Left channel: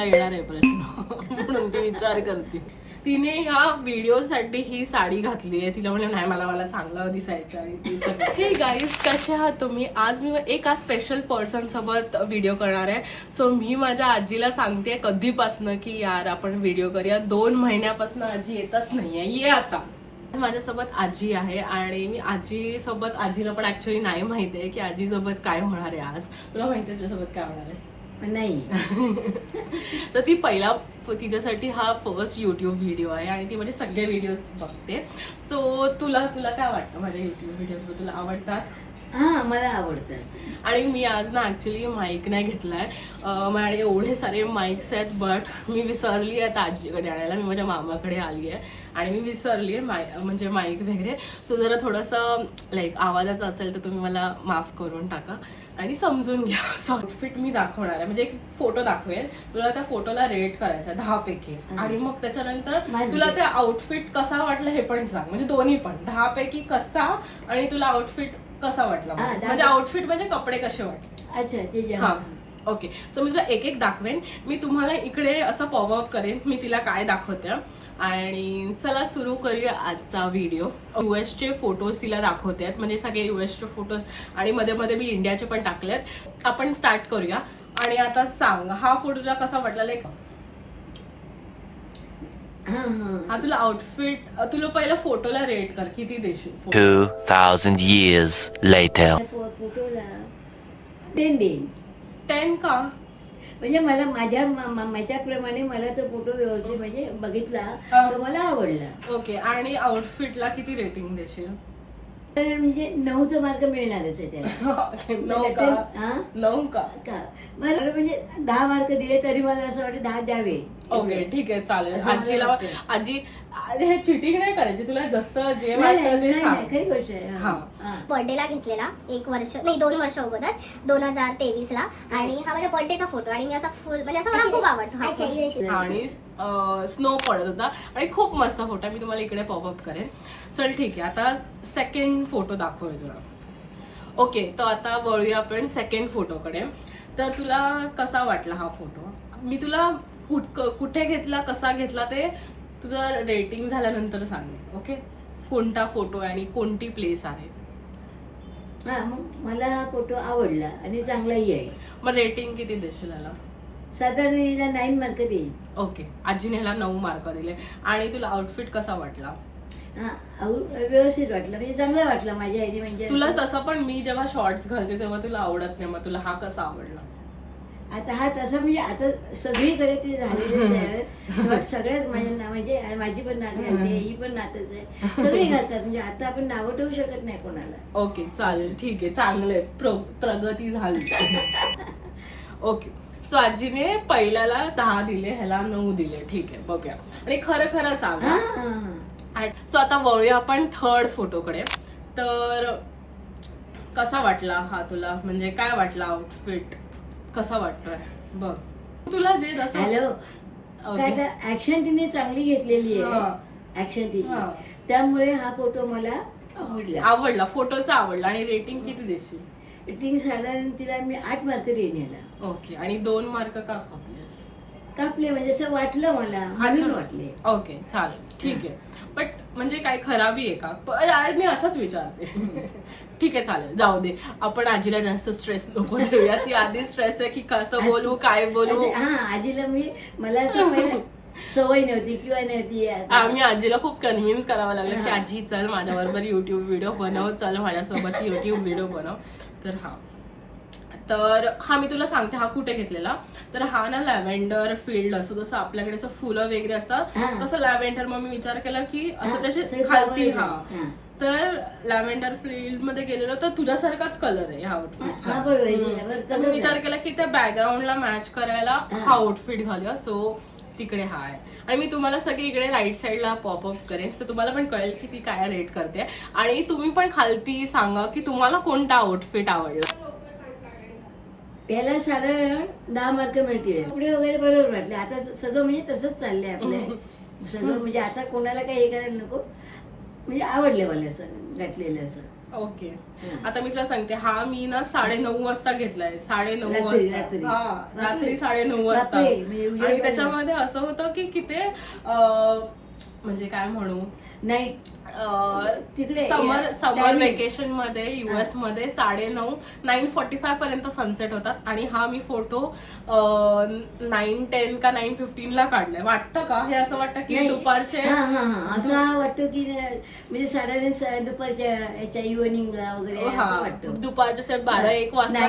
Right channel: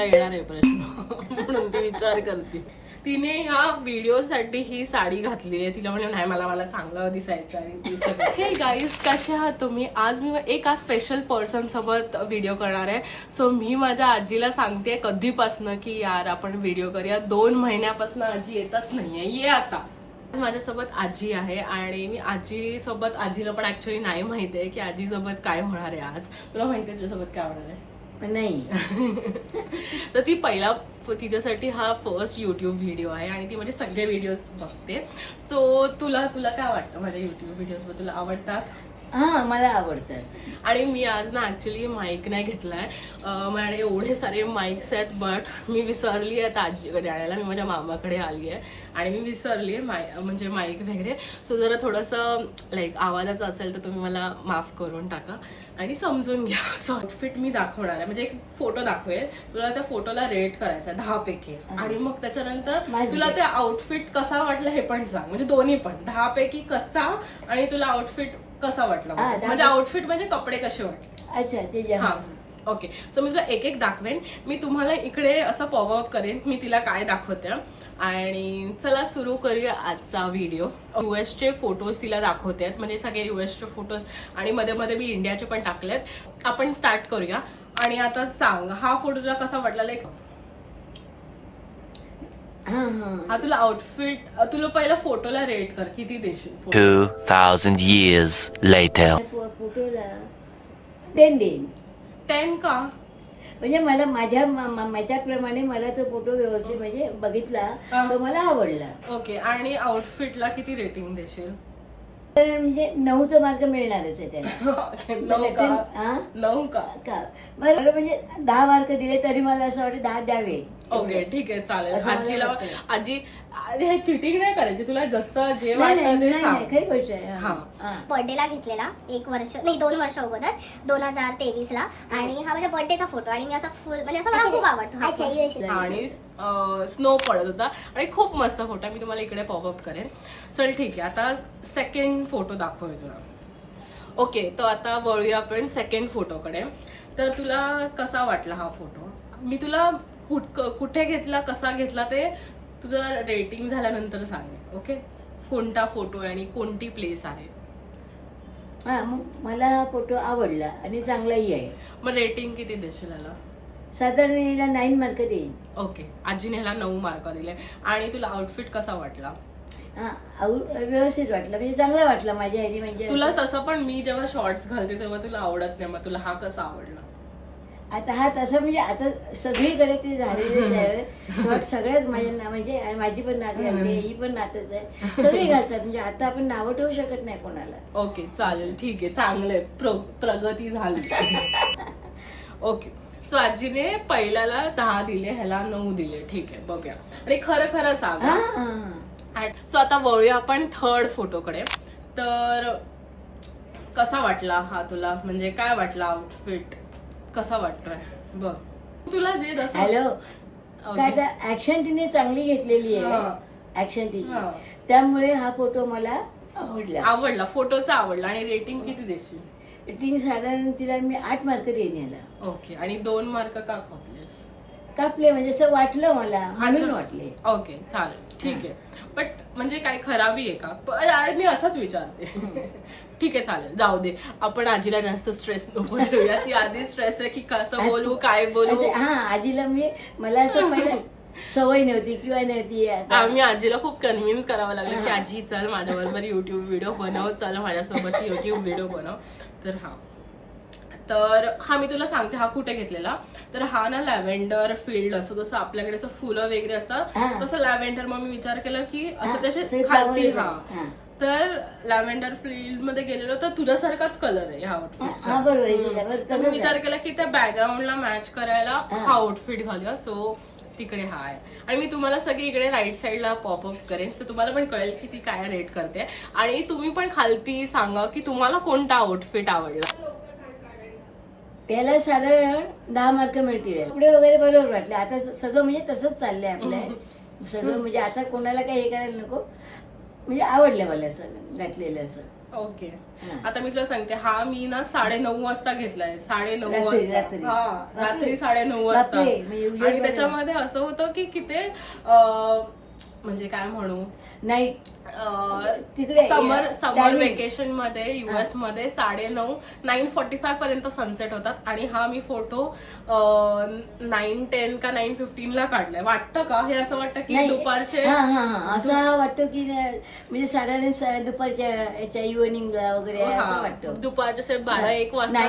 तिला येणार आहे प्रश्न म्हणून ती विचार करते. तिने ह्या व्हिडिओसाठी ही साडी घातली आहे. तिला म्हणजे नाही मला चांगलं दिसायचं आहे. हे गाईज, कसे आहात तुम्ही? आज मी एका स्पेशल पर्सन सोबत व्हिडिओ करणार आहे. सो मी माझ्या आजीला सांगते कधीपासनं की यार आपण व्हिडिओ करूया. 2 महिन्यापासून आजी येतच नाहीये. ये आता. माझ्यासोबत आजी आहे आणि मी आजीला पण ऍक्च्युली नाही माहिती आहे की आजीसोबत काय होणार आहे आज. तुला माहिती आहे तुझ्यासोबत काय होणार आहे? नाही. तर ती तिच्यासाठी हा फर्स्ट युट्यूब व्हिडिओ आहे आणि ती म्हणजे सगळे व्हिडिओज बघते. सो तुला काय वाटतं माझ्या युट्यूब व्हिडिओज बद्दल? तुला आवडतात? हा, मला आवडतं. आणि मी आज ना ऍक्च्युली माईक नाही घेतलाय. माझ्याकडे एवढे सारे माईक्स आहेत बट मी विसरली आहे आजीकडे आणायला. मी माझ्या मामाकडे आली आहे आणि मी विसरली आहे म्हणजे माईक वगैरे. सो जरा थोडंसं लाईक आवाजाचं असेल तर तुम्ही मला माफ करून टाका आणि समजून घ्या. सो आउटफिट मी दाखवणार आहे, म्हणजे एक फोटो दाखवेल तुला. त्या फोटोला रेट करायचा 10 पैकी आणि मग त्याच्यानंतर तुला ते आउटफिट कसा वाटला हे पण सांग. म्हणजे दोन्ही पण 10 पैकी कसा आणि तुला आउटफिट कसा वाटला. म्हणजे आउटफिट म्हणजे कपडे कसे वाटले. अच्छा, ते हा ओके. सो मी तुला एक दाखवेन. मी तुम्हाला इकडे असं पॉपअप करेन मी तिला काय दाखवते. आणि चला सुरू करूया आजचा व्हिडिओ. युएसचे फोटोज तिला दाखवते आहेत, म्हणजे सगळे युएसचे फोटोज आणि मध्ये मध्ये मी इंडियाचे पण टाकलेत. आपण स्टार्ट करूया. आणि आता सांग हा फोटो तुला कसा वाटला? लाईक हा तुला आउटफिट, तुला पहिला फोटोला रेट कर, किती देशील? 2000 years later. फोटोला 10 देईन. 10 का? म्हणजे मला माझ्याप्रमाणे मला तो फोटो व्यवस्थित म्हणजे बघितला तो मला आवडला. ओके. आणि आउटफिटला किती रेटिंग देशील? म्हणजे 9 मार्क मिळणारच आहे त्याला. 9 का? बरं, म्हणजे 10 मार्क दिले तरी मला असं वाटतं 10 द्यावे. ओके ठीक आहे, चालेल. आजी हे चिटिंग नाही करायची. तुला जसं जे वाटतं ते सांग. खरी गोष्ट आहे. हा. बर्थडेला घेतलेला 2 वर्ष अगोदर 2023 ला. आणि हा माझ्या बर्थडेचा फोटो आणि मी असा फुल म्हणजे असं मला खूप आवडतो हा फोटो. आणि स्नो पडत होता आणि खूप मस्त फोटो. मी तुम्हाला इकडे पॉपअप करेन. चल ठीक आहे, आता सेकंड फोटो दाखवूया तुला. ओके, तर आता वळूया आपण सेकंड फोटोकडे. तर तुला कसा वाटला हा फोटो? मी तुला कुठे घेतला, कसा घेतला ते तुझं रेटिंग झाल्यानंतर सांगेन. ओके, कोणता फोटो आहे आणि कोणती प्लेस आहे. हा, मला हा फोटो आवडला आणि चांगलाही आहे. मग रेटिंग किती देशील याला? साधारण याला 9 मार्क देईल. ओके, आजीने ह्याला 9 मार्क दिले. आणि तुला आउटफिट कसा वाटला? हा, व्यवस्थित वाटलं, म्हणजे चांगला वाटला माझ्या ह्यानी. म्हणजे तुला तसं पण मी जेव्हा शॉर्ट्स घालते तेव्हा तुला आवडत नाही, मग तुला हा कसा आवडला? आता हा तसं म्हणजे आता सगळीकडे ते झालेलंच आहे. सगळ्याच म्हणजे माझी पण नात घालते, ही पण नातच आहे, सगळे घालतात. म्हणजे आता आपण नावं ठेवू शकत नाही कोणाला. ओके चालेल, ठीक आहे, चांगलंय. प्रगती झाली. ओके. सो आजीने पहिल्याला 10 दिले, ह्याला 9 दिले. ठीक आहे, बघूया. आणि खरं सांगा. सो आता वळूया आपण थर्ड फोटोकडे. तर कसा वाटला हा तुला? म्हणजे काय वाटला आउटफिट? कसा वाटतोय बघ तुला? जे जसं हॅलो, ऍक्शन तिने चांगली घेतलेली आहे, ऍक्शन तिची, त्यामुळे हा फोटो मला आवडला. फोटोचा आवडला. आणि रेटिंग किती देशील? रेटिंग साधारण तिला मी 8 मार्क देईन याला. ओके. आणि 2 मार्क का कापले म्हणजे असं वाटलं मला, म्हणून वाटले. ओके चालेल, ठीक आहे. बट म्हणजे काय खराबी आहे का? मी असंच विचारते. ठीक आहे, चालेल, जाऊ दे. आपण आजीला जास्त स्ट्रेस नको देऊया. ती आधी स्ट्रेस आहे की कसं बोलू, काय बोलू. हा, आजीला म्हणजे मला असं सवय नव्हती किंवा नव्हती. आम्ही आजीला खूप कन्व्हिन्स करावं लागलं की आजी चल माझ्याबरोबर युट्यूब व्हिडिओ बनव, चल माझ्यासोबत युट्यूब व्हिडिओ बनव. तर हा मी तुला सांगते हा कुठे घेतलेला. तर हा ना लॅव्हेंडर फील्ड असतो, जसं आपल्याकडे असं फुलं वगैरे असतात तसं लॅव्हेंडर. मग मी विचार केला की असं त्याचे खालती. हा, तर लॅव्हेंडर फील्ड मध्ये गेलेलो तर तुझ्यासारखाच कलर आहे ह्या आउटफिटचा. तर मी विचार केला की त्या बॅकग्राऊंडला मॅच करायला हा आउटफिट घालूया. सो तिकडे हा आहे. आणि मी तुम्हाला सगळी इकडे राईट साईडला पॉपअप करेन, तर तुम्हाला पण कळेल की ती काय रेट करते. आणि तुम्ही पण खालती सांगा की तुम्हाला कोणता आउटफिट आवडला. त्याला साधारण 10 मार्क मिळतील. कपडे वगैरे बरोबर वाटले. आता सगळं म्हणजे तसंच चाललंय आपलं सगळं. म्हणजे आता कोणाला काही हे करायला नको. म्हणजे आवडलं मला असं घातलेलं असं. ओके. हा. आता मी तुला सांगते, हा मी ना 9:30 वाजता घेतलाय. 9:30 रात्री. वाजता. हा, रात्री 9:30 वाजता. बापरे, म्हणजे आणि त्याच्यामध्ये असं होतं की किती म्हणजे काय म्हणू, नाईट तिकडे समर वेकेशन मध्ये युएस मध्ये 9:45 पर्यंत सनसेट होतात. आणि हा मी फोटो 9:10 का 9:15 ला काढलाय. वाटतं का हे असं वाटतं की दुपारचे, असं वाटतं की म्हणजे साधारण दुपारच्या याच्या इव्हनिंगला वगैरे असं वाटतं. दुपारचे 12-1 वाजता.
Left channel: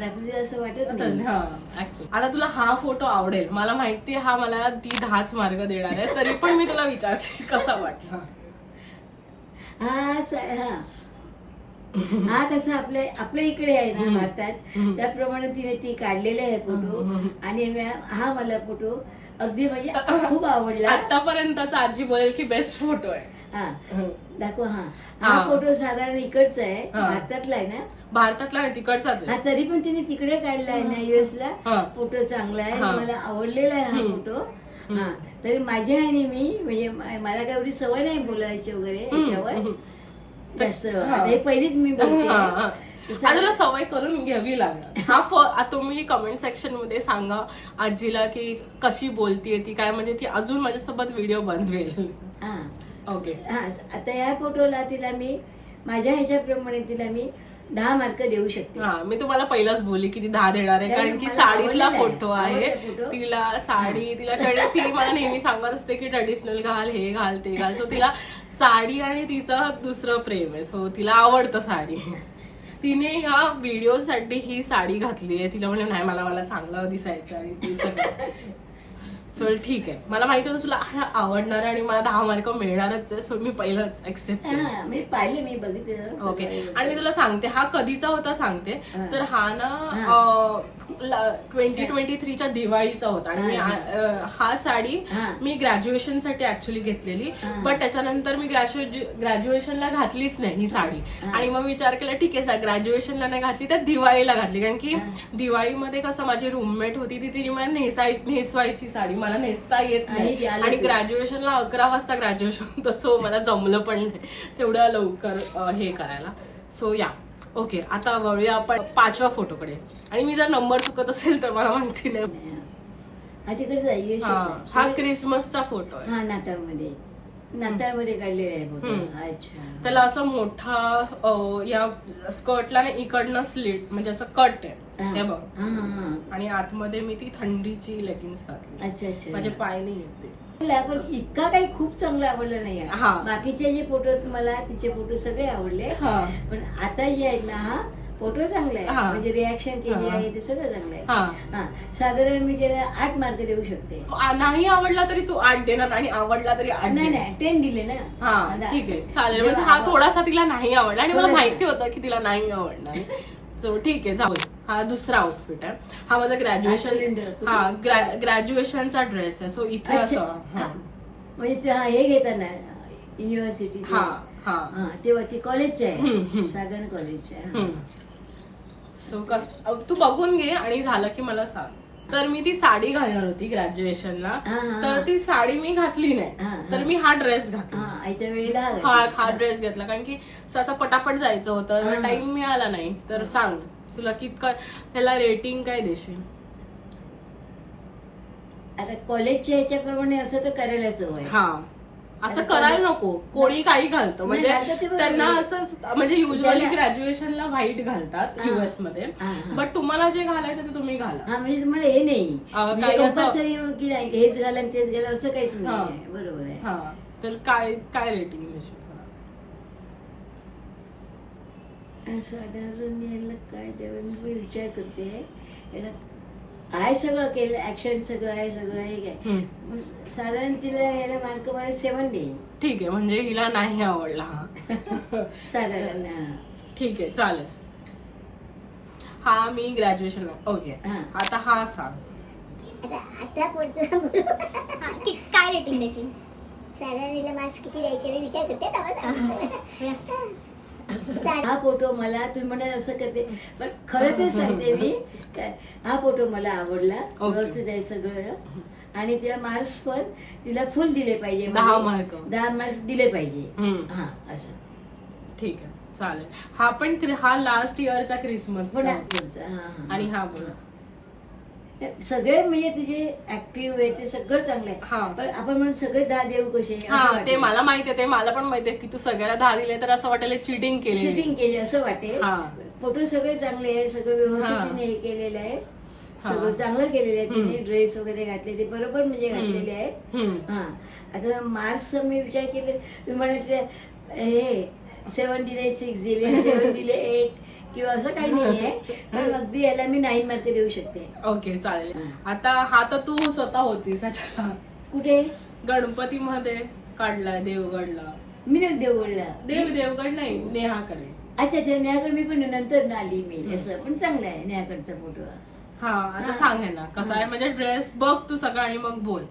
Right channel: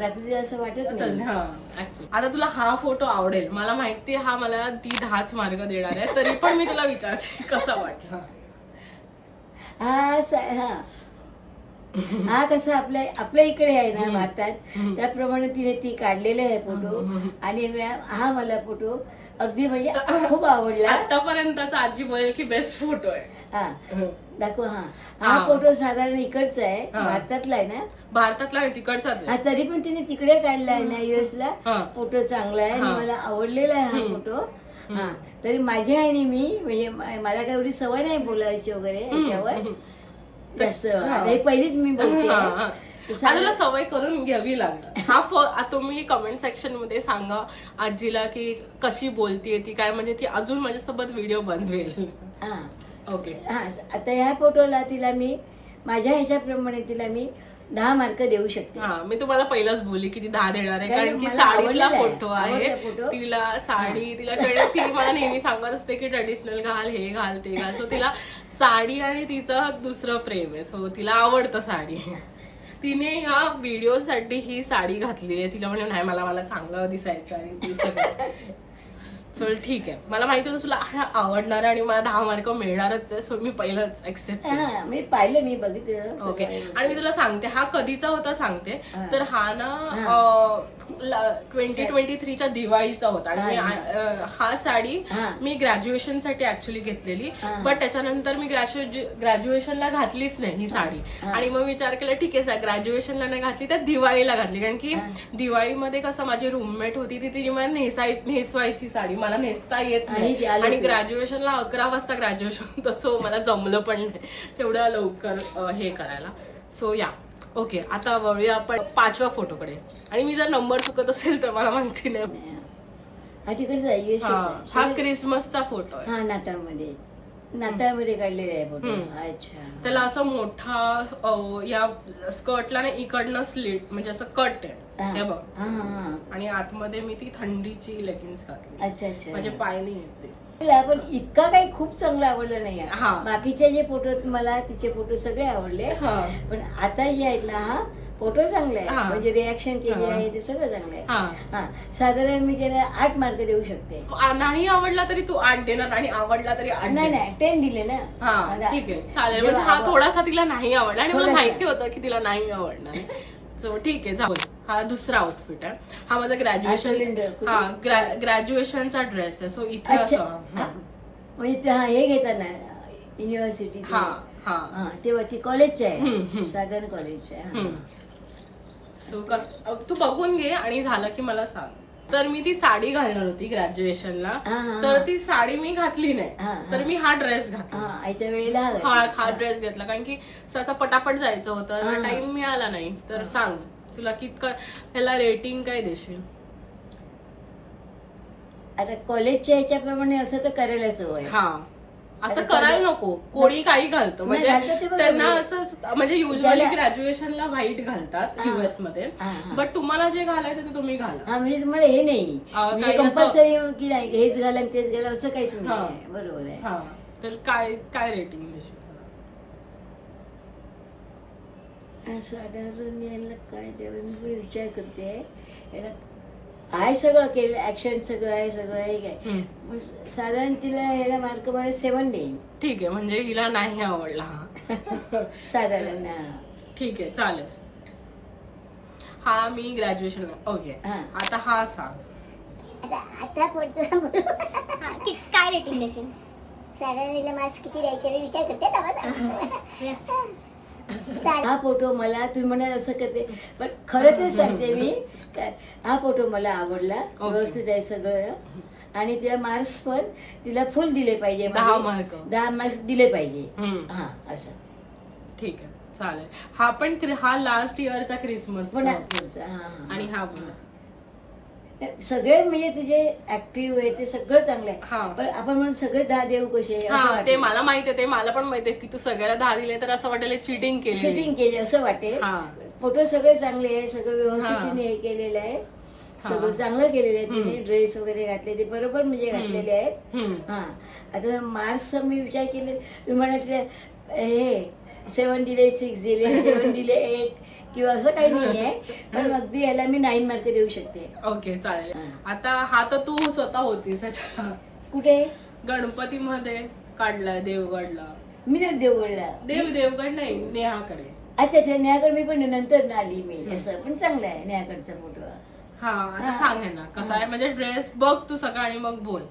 रात्री असं वाटत नाही. आता तुला हा फोटो आवडेल, मला माहिती, हा मला ती 10च मार्क देणार आहे, तरी पण मी तुला विचारते कसा वाटला. हा कसा आपल्या इकडे आहे ना भारतात, त्याप्रमाणे तिने ती काढलेला आहे फोटो. आणि हा मला फोटो अगदी म्हणजे खूप आवडला. आतापर्यंतचा आजी बोलेल की बेस्ट फोटो आहे. हा दाखव. हा फोटो साधारण इकडचा आहे, भारतातला आहे ना. भारतातला नाही, तिकडचाच आहे. तरी पण तिने तिकडे काढला आहे ना US ला. फोटो चांगला आहे, मला आवडलेला आहे हा फोटो. हा तरी माझी आणि मी म्हणजे मला काय एवढी सवय नाही बोलायची वगैरे याच्यावर जास्त. हे पहिलीच मी बोलते. तुला सवय करून घ्यावी लागणार. हा तुम्ही कमेंट सेक्शन मध्ये सांगा आजीला की कशी बोलतीये ती, काय म्हणजे ती अजून माझ्यासोबत व्हिडिओ बनवेल. ओके. आता ह्या फोटोला तिला मी माझ्या ह्याच्याप्रमाणे तिला मी 10 मार्क देऊ शकते. मी तुम्हाला पहिलाच बोलली की ती 10 देणार आहे, कारण की साडीतला फोटो आहे. तिला साडी, तिला ती मला नेहमी सांगत असते की ट्रेडिशनल घाल, हे घाल, ते घाल. सो तिला साडी आणि तिचं दुसरं प्रेम आहे, सो तिला आवडतं साडी. तिने ह्या व्हिडिओसाठी ही साडी घातली आहे. तिला म्हणजे नाही, मला चांगलं दिसायचं आणि ती सगळं. चल ठीक आहे, मला माहिती होतं तुला हा आवडणार आहे आणि मला 10 मार्क मिळणारच आहे, सो मी पहिलंच एक्सेप्ट केलं. मी पाहिलं, मी बघितलं. ओके. आणि मी तुला सांगते हा कधीचा होता सांगते. तर हा ना 2023च्या दिवाळीचा होता. आणि मी हा साडी मी ग्रॅज्युएशन साठी ऍक्च्युअली घेतलेली, बट त्याच्यानंतर मी ग्रॅज्युएशनला घातलीच नाही ही साडी. आणि मग विचार केला ठीक आहे ग्रॅज्युएशनला नाही घातली तर दिवाळीला घातली, कारण की दिवाळीमध्ये कसं माझी रूममेट होती ती तिने मला नेसवायची साडी, मला नेसता येत नाही. आणि ग्रॅज्युएशनला 11 वाजता ग्रॅज्युएशन होतं, सो मला जमलं पण नाही तेवढ्या लवकर हे करायला. सो या ओके. आता वळूया आपण 5व्या फोटोकडे. आणि मी जर नंबर चुकत असेल तर मला माहिती नाही. हा क्रिसमसचा फोटो आहे. हा नाताळमध्ये काढलेला आहे फोटो. अच्छा. त्याला असं मोठा या स्कर्टला ना इकडनं स्लीट म्हणजे असं कट आहे हे बघ. आणि आतमध्ये मी ती थंडीची लेगिन्स घातली. अच्छा. माझे पाय नाही येते. पण इतका काही खूप चांगलं आवडलं नाही. बाकीचे जे फोटो मला तिचे फोटो सगळे आवडले, पण आता जे आहेत ना हा फोटो चांगला आहे, म्हणजे रिॲक्शन केली आहे ते सगळं चांगलं आहे. साधारण मी त्याला 8 मार्क देऊ शकते. नाही आवडला तरी तू 8 देणार आणि आवडला तरी 8? नाही 10 दिले ना. ठीक आहे चालेल. म्हणजे हा थोडासा तिला नाही आवडला आणि मला माहिती होतं की तिला नाही आवडणार. सो ठीक आहे जाऊ. हा दुसरा आउटफिट आहे. हा माझा ग्रॅज्युएशनचा ड्रेस आहे. सो इथे असं म्हणजे हे घेताना युनिव्हर्सिटी तेव्हा ती कॉलेजचे आहे, साधारण कॉलेजचे आहे. सो तू बघून घे आणि झालं की मला सांग. तर मी ती साडी घालणार होती ग्रॅज्युएशनला, तर ती साडी मी घातली नाही, तर मी हा ड्रेस घातला. हा ड्रेस घेतला कारण की असं पटापट जायचं होतं, टाइम मिळाला नाही. तर सांग तुला कितकं ह्याला रेटिंग काय देशील? आता कॉलेजच्या ह्याच्याप्रमाणे असं तर करायलाच हवं. असं करायला नको. कोणी काही घालतं म्हणजे त्यांना असं म्हणजे युजली ग्रॅज्युएशनला व्हाईट घालतात युएस मध्ये, बट तुम्हाला जे घालायचं ते तुम्ही घाला. म्हणजे तुम्हाला हे नाही कंपल्सरी की हेच घाला तेच घाला असं काहीच नाही. बरोबर आहे. तर काय रेटिंग देशील? साधारण याला काय द्यावं मी विचार करते. याला आहे सगळं केलं, ऍक्शन सगळं आहे काय. साधारण तिला ह्याला मार्क मला 7 देईन. ठीक आहे, म्हणजे हिला नाही आवडला साधारण. ठीक आहे चालेल. हा मी ग्रॅज्युएशन. ओके. आता हा सांग काय रेटिंग देशील? साधारण हिला मार्क्स किती द्यायचे मी विचार करते. हा फोटो मला तुम्ही म्हणा असं करते, पण खरं ते सांगते मी, हा फोटो मला आवडला, व्यवस्थित आहे सगळं. आणि तिला मार्क्स पण तिला फुल दिले पाहिजे, 10 मार्क दिले पाहिजे. असं ठीक आहे. चालेल. हा पण हा लास्ट इयरचा क्रिसमस पण हा आणि हा बोला सगळे म्हणजे तुझे ऍक्टिव्ह आहे ते सगळं चांगलं हा. आहे. पण आपण म्हणून सगळे 10 देऊ कसे हा ते मला माहिती आहे, ते मला पण माहिती आहे की तू सगळ्याला 10 दिले तर असं वाटेल चिटिंग केली. सेटिंग केली असं वाटेल. हा. फोटो सगळे चांगले आहे, सगळं व्यवस्थित तिने हे केलेलं आहे, सगळं चांगलं केलेलं आहे तिने. ड्रेस वगैरे घातले ते बरोबर म्हणजे घातलेले आहेत. हा आता मार्क्सचा मी विचार केले, मी म्हणाले हे 7 दिले 6 दिले 7 दिले 8 किंवा असं काही नाही आहे. पण अगदी याला मी 9 मार्क देऊ शकते. ओके चालेल. आता हा तर तू स्वतः होतीस ह्याच्या कुठे गणपतीमध्ये काढलाय देवगडला. मी नाही देवगडला. देवगड नाही, नेहाकडे. अच्छा ते नेहाकडे मी पण नंतर आली मी. असं पण चांगलं आहे नेहाकडचा फोटो. हा आता सांग हे ना कसा आहे म्हणजे ड्रेस बघ तू सगळं आणि मग बोल.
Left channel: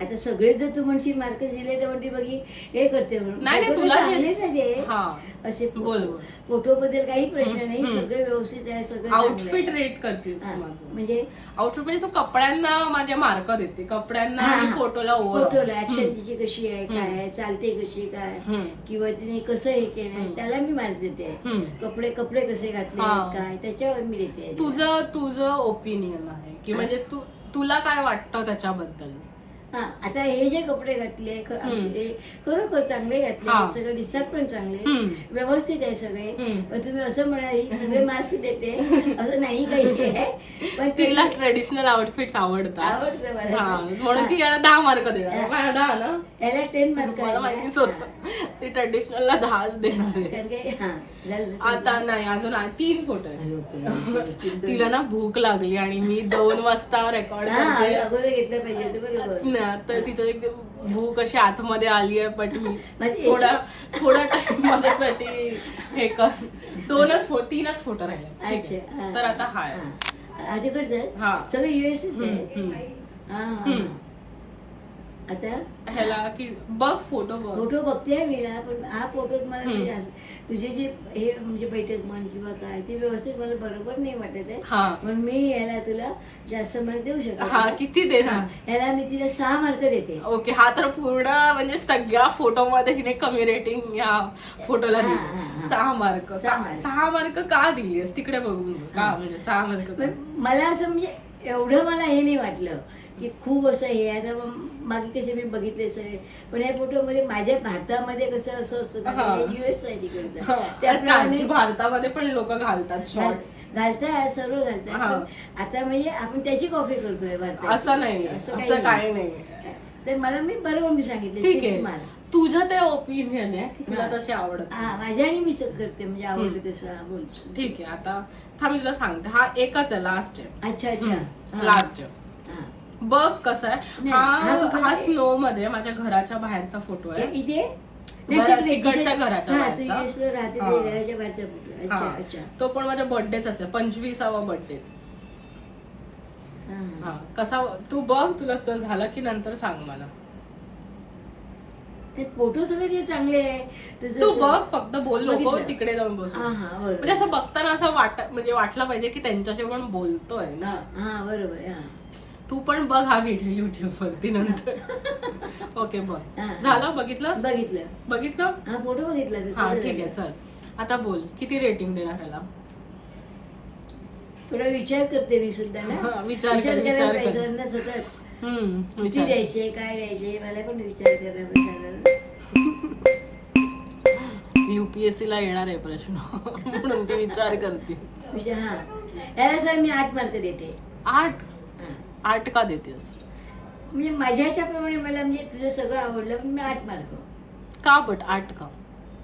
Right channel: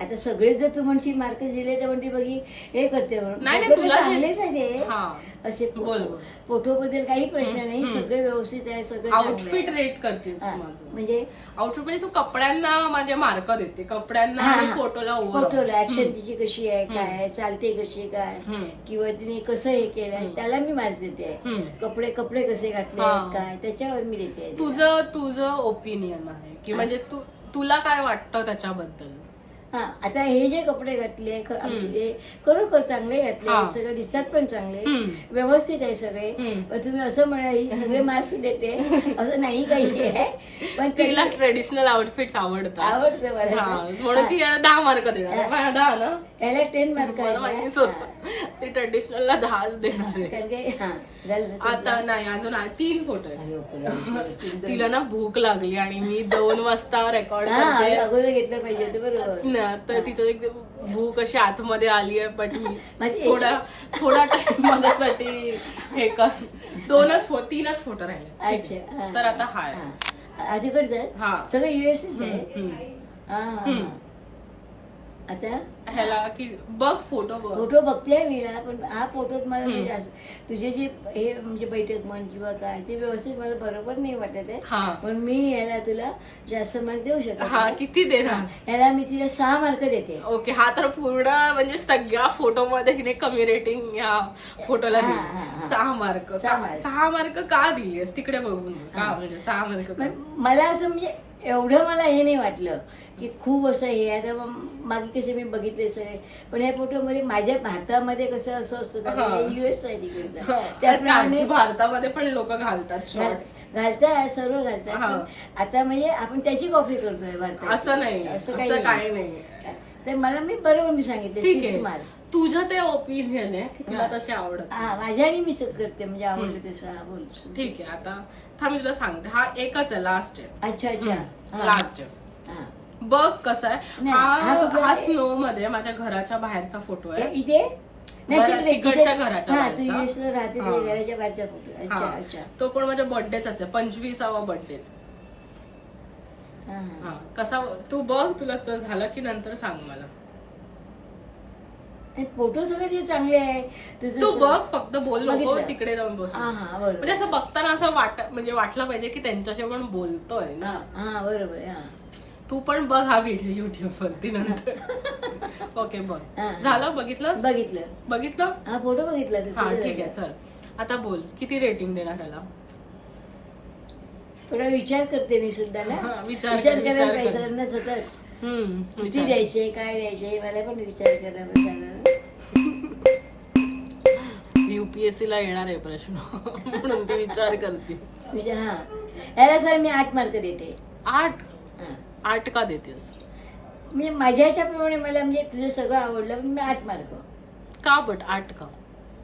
आता सगळे जर तू म्हणशील मार्क दिले तर म्हणते बघी हे करते म्हणून. नाही फोटो तुला चांगलेच आहे ते. हा असे बोल. फोटो बद्दल काही प्रश्न नाही, सगळं व्यवस्थित आहे, सगळं आउटफिट रेट करतेस हा, माझं म्हणजे आउटफिट म्हणजे तू कपड्यांना माझे मार्क देते, कपड्यांना आणि फोटोला फोटोला ऍक्शन तिची कशी आहे, काय चालते कशी काय, किंवा तिने कसं हे केलंय त्याला मी मार्क देते. कपडे कपडे कसे घातले काय त्याच्यावर मी देते. तुझं ओपिनियन आहे की म्हणजे तुला काय वाटतं त्याच्याबद्दल. हा आता हे जे कपडे घातले खरोखर चांगले घातले, सगळे दिसतात पण चांगले, व्यवस्थित आहे सगळे. पण तुम्ही असं म्हणाल सगळे मास्क देते असं नाही काही आहे. पण तिला ट्रेडिशनल आउटफिट्स आवडतात. आवडतं मला. म्हणून ती याला 10 मार्क देणार. 10 ना याला 10 मार्क मला माहितीच होतं ती ट्रेडिशनलला 10 देणार आहे. आता नाही अजून 3 फोटो आहेत. तिला ना भूक लागली आणि मी 2 वाजता रेकॉर्ड करते. अगोदर घेतलं पाहिजे ते बरोबर. तर तिचं एक भूक अशी आतमध्ये आली आहे. बट मी थोडा टाइम माझ्यासाठी हे कर 3च फोटो राहिले. तर आता हा आधीकडचं सगळं युएसच आहे. आता ह्याला की बघ फोटो बघते मी, पण हा फोटोत मला म्हणजे तुझे जे हे म्हणजे बैठक म्हण किंवा काय ते व्यवस्थित मला बरोबर नाही वाटत आहे. पण मी याला तुला जास्त मार्क देऊ शकते. किती देणार याला मी तिला 6 मार्क देते. ओके. हा तर पूर्ण म्हणजे सगळ्या फोटो मध्ये हिने कमी रेटिंग या फोटोला दिली. 6 मार्क. 6 मार्क का दिलीस तिकडे बघून का म्हणजे 6 मार्क. मला असं म्हणजे एवढं मला हे नाही वाटलं की खूप असं हे. आता मागे कसे मी बघितले सगळे, पण या फोटोमध्ये माझ्या भारतामध्ये कसं असं असतं युएस आहे तिकडचं. भारतामध्ये पण लोक घालतात शॉर्ट घालतात, सर्व घालतात. आता म्हणजे आपण त्याची कॉपी करतोय भारतात. असं नाही, असं काही नाही. तर मला मी बरोबर मी सांगितलं 6 मार्क्स. तुझं ते ओपिनियन आहे की तुला तसे आवडत. माझ्या आणि मी करते म्हणजे आवडते तसं बोलतो. ठीक आहे. आता थांब तुला सांगते. हा एकच आहे, लास्ट आहे. अच्छा लास्ट आहे. बघ कसं आहे. हा स्नो मध्ये माझ्या घराच्या बाहेरचा फोटो आहे. इथे तिकडच्या घराच्या बाहेरचा. घराच्या बाहेरचा फोटो. तो पण माझ्या बर्थडेचाच आहे, 25वा बर्थडे. कसा तू बघ, तुला झालं की नंतर सांग मला. फोटो सगळे जे चांगले आहे तू बघ, फक्त बोल नको तिकडे जाऊन बस. म्हणजे असं बघताना असं म्हणजे वाटलं पाहिजे की त्यांच्याशी पण बोलतोय ना. हा बरोबर. तू पण बघ हा व्हिडिओ युट्यूब वरती नंतर. ओके बघ. झालं? बघितलं हा फोटो बघितला. हा ठीक आहे. चल आता बोल, किती रेटिंग देणार ह्याला. थोडा विचार करते मी सुद्धा ना. विचार कर सतत किती द्यायचे काय द्यायचे मला पण विचार करायला. UPSC ला येणार आहे प्रश्न म्हणून ती विचार करते. याला सर मी 8 मार्क देते. 8 का देतेस. म्हणजे माझ्या ह्याच्याप्रमाणे मला म्हणजे तुझं सगळं आवडलं पण मी 8 मार्क का. बट 8 का.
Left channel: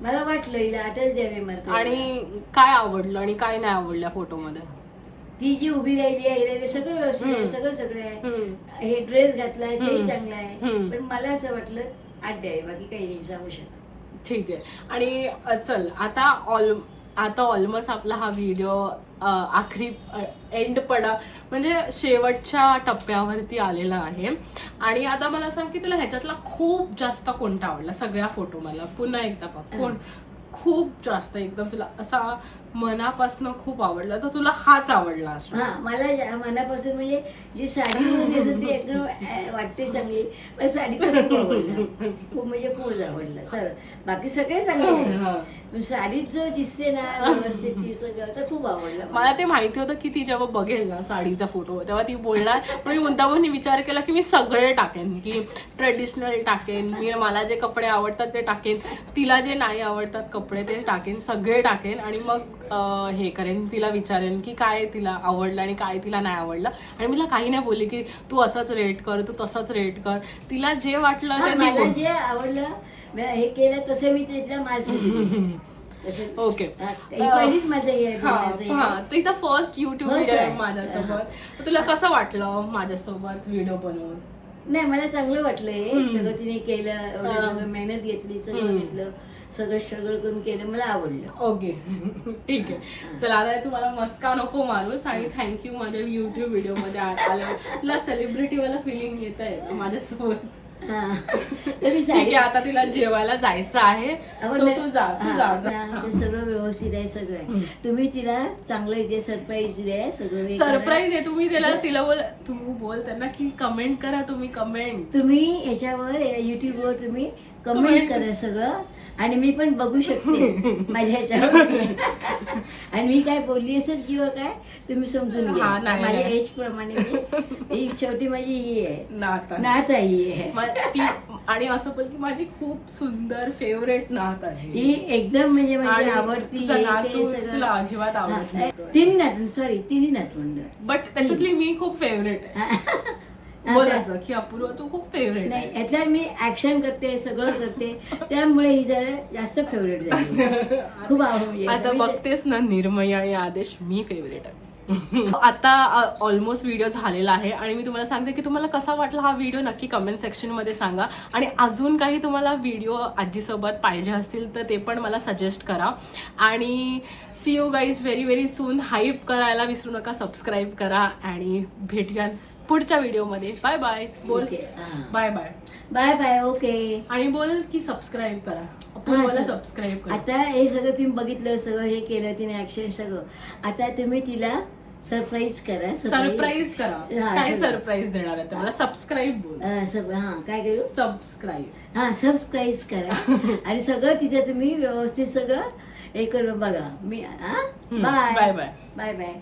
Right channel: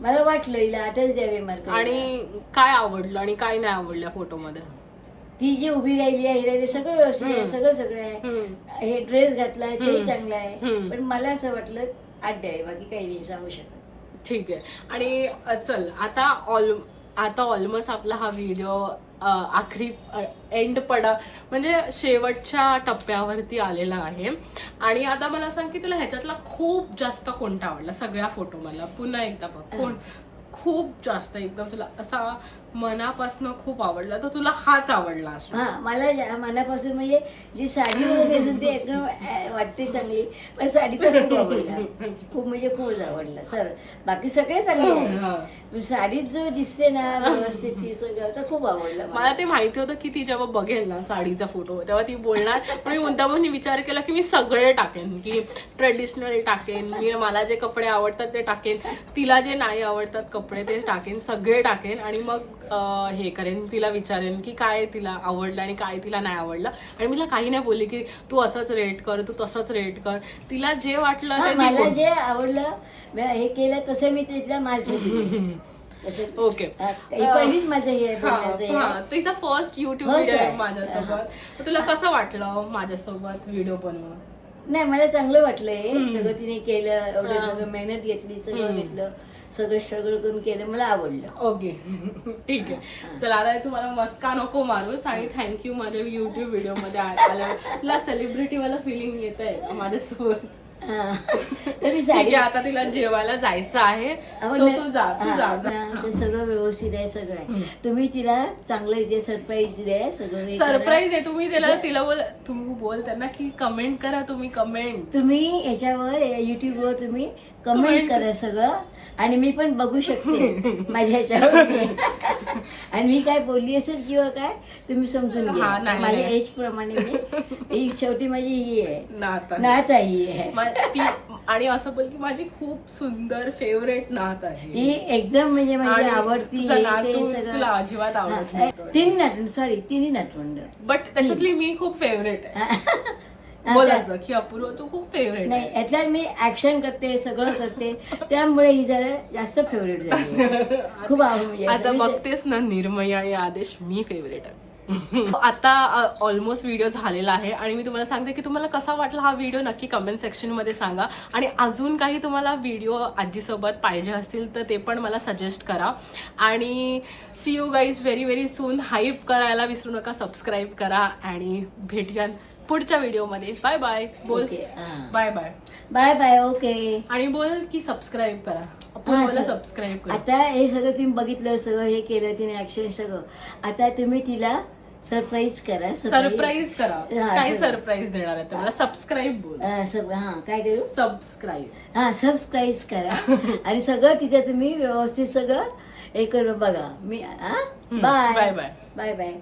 मला वाटलं हिला 8च द्यावे मार्क. आणि काय आवडलं आणि काय नाही आवडलं फोटोमध्ये. ती जी उभी राहिली आहे सगळं व्यवस्थित आहे, सगळं आहे. हे ड्रेस घातलाय ते चांगलं आहे. पण मला असं वाटलं 8 द्यावे, बाकी काही नाही सांगू शकत. ठीक आहे. आणि चल आता ऑलमोस्ट आपला हा व्हिडिओ आखरी एंड म्हणजे शेवटच्या टप्प्यावरती आलेला आहे. आणि आता मला सांग की तुला ह्याच्यातला खूप जास्त कोणता आवडला सगळ्या फोटो. मला पुन्हा एकदा बघ खूप जास्त एकदम तुला असा मनापासून खूप आवडला, तर तुला हाच आवडला असणार. हा मला मनापासून म्हणजे जी साडी वगैरे असेल ती एकदम वाटते चांगली, पण साडीचा खूप आवडला, खूप म्हणजे खूपच आवडला सर. बाकी सगळे चांगले आहे, पण साडीत जो दिसते ना व्यवस्थित ती सगळं तर खूप आवडलं मला ते माहिती होतं की ती जेव्हा बघेल ना साडीचा फोटो तेव्हा ती बोलणार, पण मी मुद्दामून विचार केला की मी सगळे टाकेन, की ट्रेडिशनल टाकेन, मी मला जे कपडे आवडतात ते टाकेन, तिला जे नाही आवडतात कपडे ते टाकेन, सगळे टाकेन आणि मग हे करेन, तिला विचारेन की काय तिला आवडलं आणि काय तिला नाही आवडलं. आणि मी तिला काही नाही बोलली की तू असंच रेट कर, तू तसंच रेट कर, तिला जे वाटलं ते ती मला बोल. जे आवडलं हे केलं तसं मी तिला माझं ओके. पहिलीच माझं हे आहे. हा तिचा फर्स्ट युट्यूब हो, व्हिडिओ आहे सर. माझ्यासोबत. तर तुला कसं वाटलं माझ्यासोबत व्हिडिओ बनवून? नाही मला चांगलं वाटलं हे सगळं तिने केलं, एवढं सगळं मेहनत घेतली, सगळं घेतलं, सगळं स्ट्रगल करून केलं, मला आवडलं. ओके ठीक आहे. चला आता तुम्हाला मस्का नको मारूस आणि थँक्यू माझ्या युट्यूब व्हिडिओ मध्ये आल्या. तुला सेलिब्रिटी वाला फिलिंग येत आहे माझ्यासोबत. हा. तर मी ठीक आहे, आता तिला जेवायला जायचं आहे, so तू जा. ते सगळं व्यवस्थित आहे, सगळं आहे. तुम्ही तिला चांगलं इथे सरप्राईज द्या, सगळं हे करा. सरप्राईज आहे. तुम्ही तिला बोल त्यांना की कमेंट करा, तुम्ही कमेंट. तुम्ही याच्यावर युट्यूबवर तुम्ही कमेंट करा सगळं, आणि मी पण बघू शकते माझ्या ह्याच्यावर. आणि मी काय बोलली असेल किंवा काय तुम्ही समजून हा, घ्या. नाही, माझ्या नाही. एज प्रमाणे ही शेवटी माझी ही आहे नात आहे. नात आहे ही आहे. ती आणि असं बोल की माझी खूप सुंदर फेवरेट नात आहे ही एकदम म्हणजे माझी आणि आवडती. तुझा हे नात ते सगळं. तुला अजिबात आवडत हा, नाही. तिन्ही नातवंड. बट त्याच्यातली मी खूप फेवरेट आहे. बोल असं की अपूर्व तू खूप फेवरेट नाही आहे. यातल्या मी ऍक्शन करते, सगळं करते, त्यामुळे ही जरा जास्त फेवरेट झाली. खूप आवडली. आता बघतेस ना निर्मय आणि आदेश, मी फेवरेट आहे. आता ऑलमोस्ट व्हिडिओ झालेला आहे आणि मी तुम्हाला सांगते की तुम्हाला कसा वाटला हा व्हिडिओ नक्की कमेंट सेक्शन मध्ये सांगा. आणि अजून काही तुम्हाला व्हिडिओ आजीसोबत पाहिजे असतील तर ते पण मला सजेस्ट करा. आणि see you guys very very soon. Hype करायला विसरू नका, सबस्क्राईब करा आणि भेटूया पुढच्या व्हिडिओमध्ये. बाय बाय बोल. Bye bye. Bye bye. Okay. आणि बोल की सबस्क्राईब करा, आपण मला सबस्क्राईब करा. आता हे सगळं तुम्ही बघितलं, सगळं हे केलं तिने ऍक्शन सगळं. आता तुम्ही तिला सरप्राईज करा. सरप्राईज करा. हा, काय सगळं. सरप्राईज देणार आहे ते मला सबस्क्राईब बोल. हा काय करू, सबस्क्राईब. हा सबस्क्राईब करा. आणि सगळं तिचं तुम्ही व्यवस्थित सगळं हे करून बघा. मी bye bye bye. Bye bye.